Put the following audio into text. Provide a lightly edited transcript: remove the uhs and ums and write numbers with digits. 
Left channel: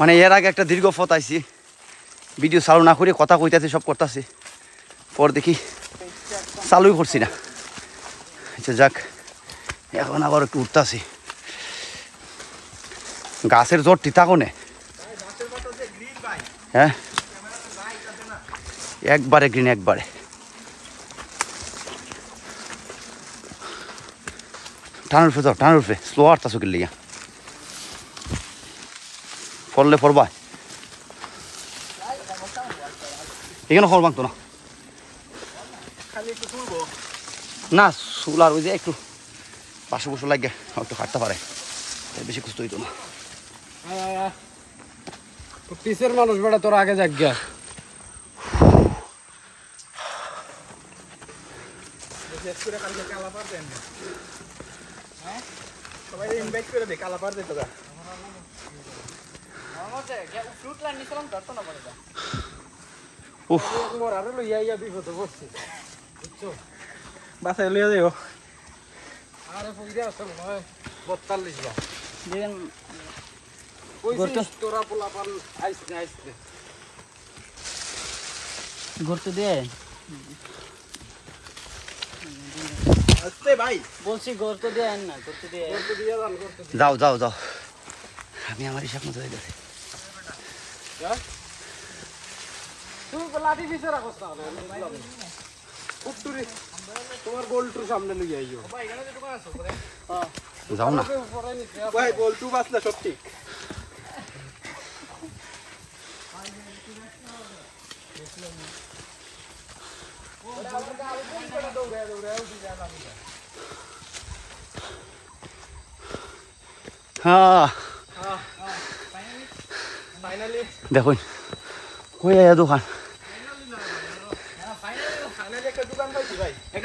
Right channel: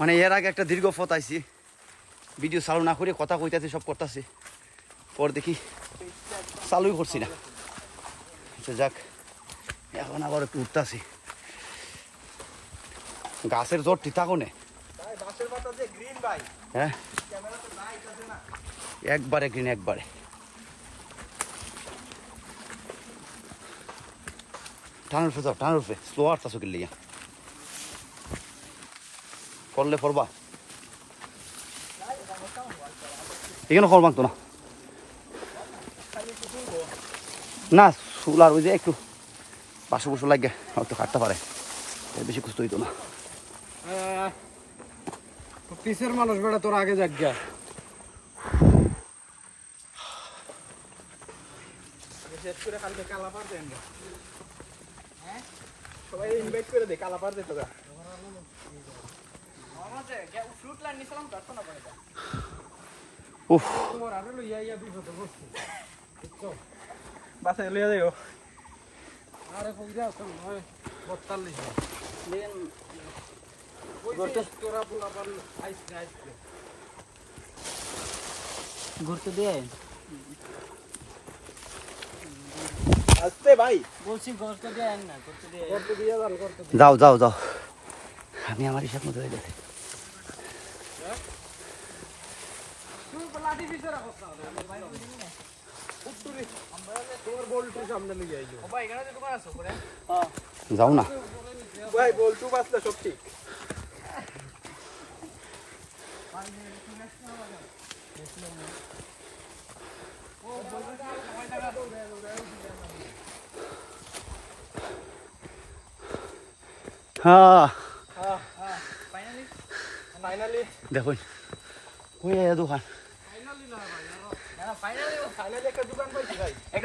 মানে এর আগে একটা দীর্ঘ পথ আইছি, ভিডিও চালু না করে কথা কইতাছি, সব করতেছি, পর দেখি চালুই করছি না। আচ্ছা যাক, এখন আবার একটু উঠতেছি। গাছের জোর টিতা কোনে, হ্যাঁ একবারে গ্রিন, একবারে। টানের উঠে যাও, টানের উঠে স্লো আটটা চোখের লিগা ফললে ফরবা, এখানে ফল মাগতো না, না চুল আর ওই যে একটু পাশে বসে লাগে একটু কাটতে পারে, বেশি কষ্ট হইতো না। পিসের মানুষ বেড়া তোর আগে যাক গিয়া সবাই ইনভাইট করে দে, কালাপার দে তোরা। বাসায় লইয়া যাইব। আরে পয়সা আছে নয় 42 বার তোরা পোলাপান আইসতে আইসতে ঘুরতে দিয়ে আসতে ভাই, বলছি ঘুরতে দিয়ে না, ঘুরতে দিয়ে করতে দিয়ে যান করতে দিয়ে যাও যাও যাও, আমি আমার হিসাব মতো হয়ে গেছে। তুই লাঠি পিছে রাখছ না উত্তরি তোমার গোলটুর সামনে লইয়া আইও যাও না, ভাই বলটু বাসলা সব ঠিক। হ্যাঁ ফাইনালি দেখুন কই আয়া দোকান, ফাইনালি একটা দোকান পাইছি ভাই। একটা